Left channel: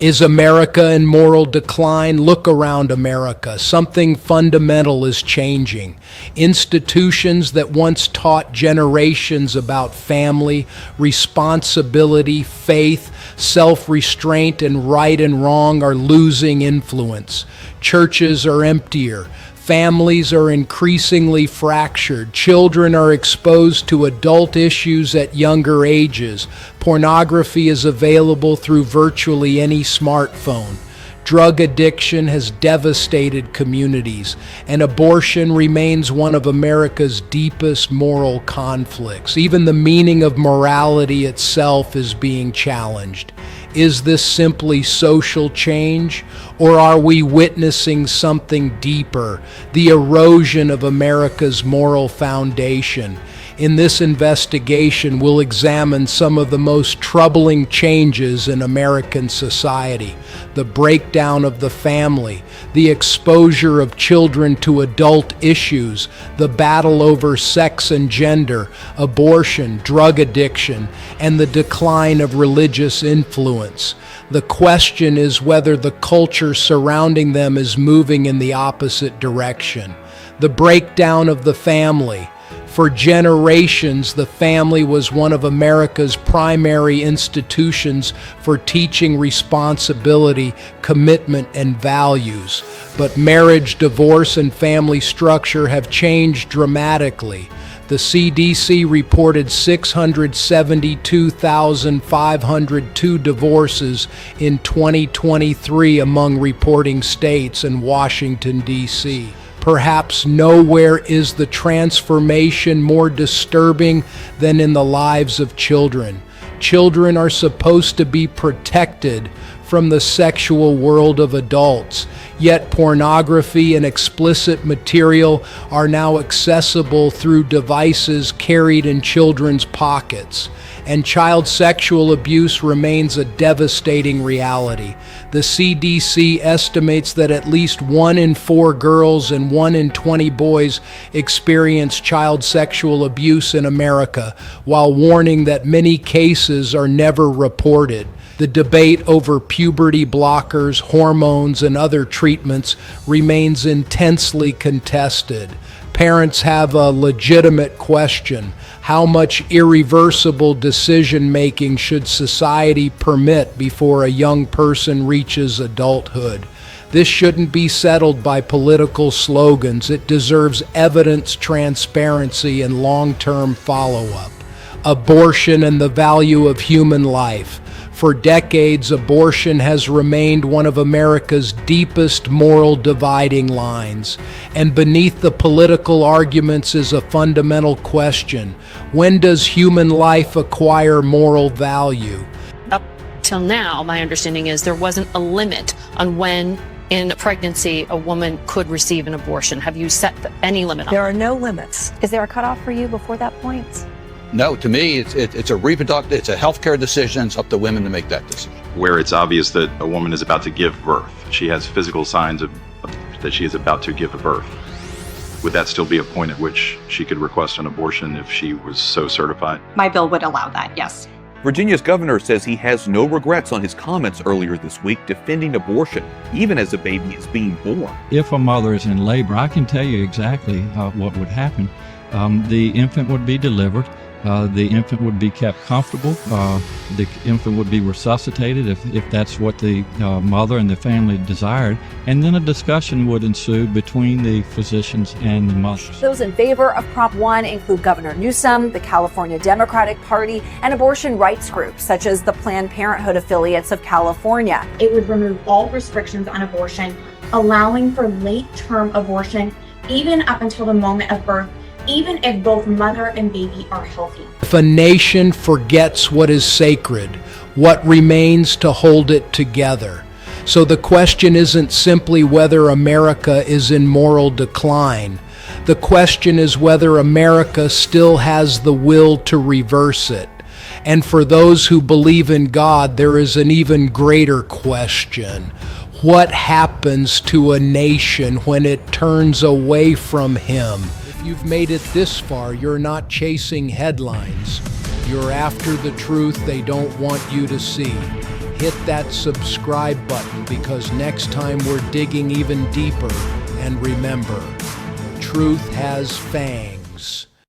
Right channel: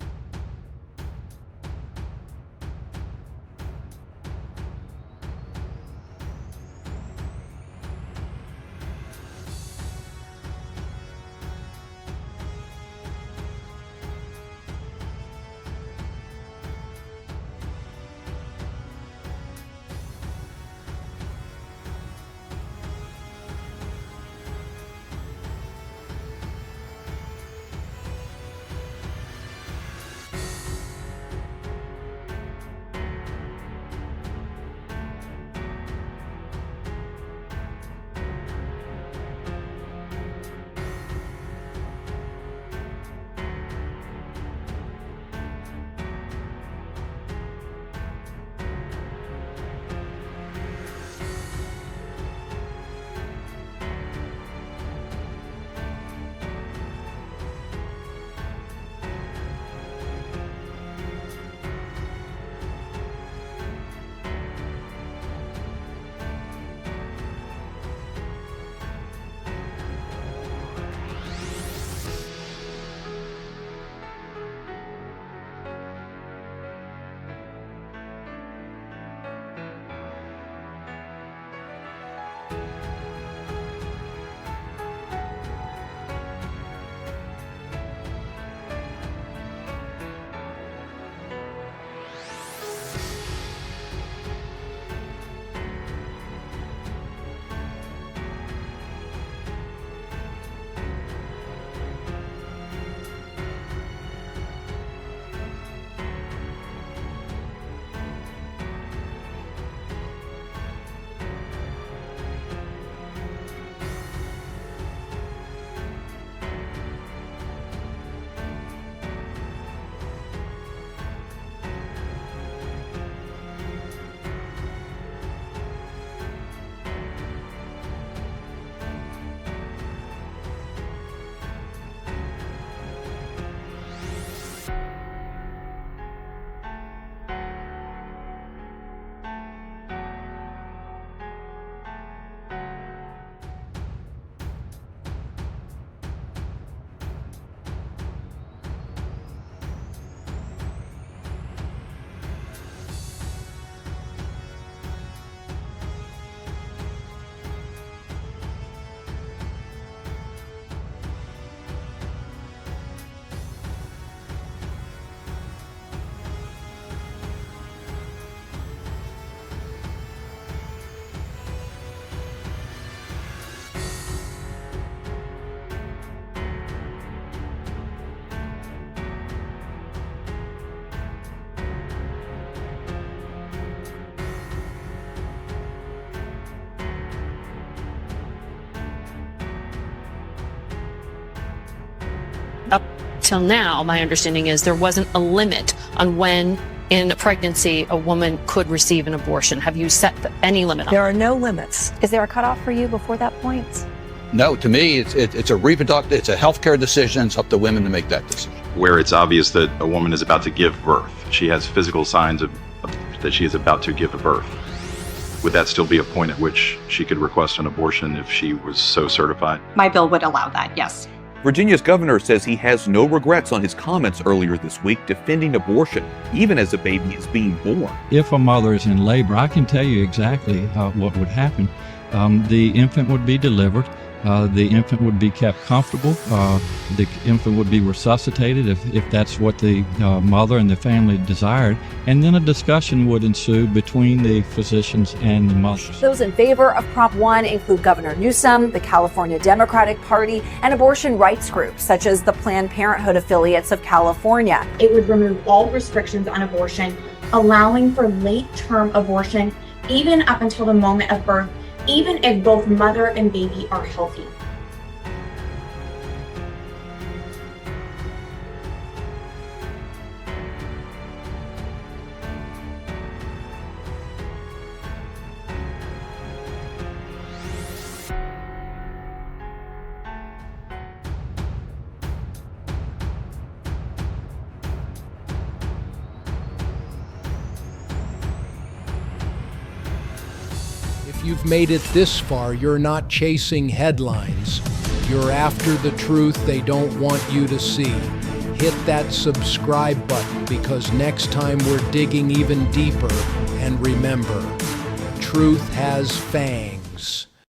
Is America in moral decline? Look around America. Something fundamental is changing. Institutions that once taught generations about family, responsibility, faith, self-restraint, and right and wrong are losing influence. Churches are emptier. Families are increasingly fractured. Children are exposed to adult issues at younger ages. Pornography is available through virtually any smartphone. Drug addiction has devastated communities, and abortion remains one of America's deepest moral conflicts. Even the meaning of morality itself is being challenged. Is this simply social change, or are we witnessing something deeper, the erosion of America's moral foundation? In this investigation, we'll examine some of the most troubling changes in American society: the breakdown of the family, the exposure of children to adult issues, the battle over sex and gender, abortion, drug addiction, and the decline of religious influence. The question is whether the culture surrounding them is moving in the opposite direction. The breakdown of the family. For generations, the family was one of America's primary institutions for teaching responsibility, commitment, and values. But marriage, divorce, and family structure have changed dramatically. The CDC reported 672,502 divorces in 2023 among reporting states and Washington, D.C. Perhaps nowhere is the transformation more disturbing than in the lives of children. Children are supposed to be protected from the sexual world of adults, yet pornography and explicit material are now accessible through devices carried in children's pockets. And child sexual abuse remains a devastating reality. The CDC estimates that at least 1 in 4 girls and 1 in 20 boys experience child sexual abuse in America, while warning that many cases are never reported. The debate over puberty blockers, hormones, and other treatments remains intensely contested. Parents have a legitimate question: how much irreversible decision-making should society permit before a young person reaches adulthood? This shouldn't be settled by political slogans. It deserves evidence, transparency, and long-term follow-up. Abortion and the value of human life. For decades, abortion has remained one of America's deepest moral dividing lines. And beneath the political arguments is a fundamental question: when does human life acquire moral value? Up till now, my understanding is there wasn't a limit on when in a pregnancy a woman could receive an abortion. Have you set any limit on There are no limits. Is there a cutoff for you before that point? No, to me, it's a reproductive, it's a healthcare decision. It's up to women to make that decision. Where it's obvious that a woman is about to give birth, she has physical signs that she is about to give a birth. Would that still be a point at which she could request an abortion if she was so certified? My bill would allow that, yes. Virginia's governor says he has no regrets on his comments earlier this week defending abortion, even as a baby is being born. If a mother is in labor, I can tell you exactly what would happen. The infant would be delivered. The infant would be kept comfortable. The infant would be resuscitated if that's what the mother and the family desired. And then a discussion would ensue between the physicians and the mothers. Those in favor of Prop 1 include Governor Newsom, the California Democratic Party, and abortion rights groups such as the Planned Parenthood affiliates of California. It would remove all restrictions on abortion, allowing for late-term abortion, even up until the moment of birth, even if both mother and baby are healthy. If a nation forgets what is sacred, what remains to hold it together? So the question isn't simply whether America is in moral decline. The question is whether America still has the will to reverse it. And for those who believe in God, there is an even greater question: what happens to a nation when it turns away from Him? If you've made it this far, you're not chasing headlines. You're after the truth they don't want you to see. hit that subscribe button, because next time we're digging even deeper. And remember, truth has fangs.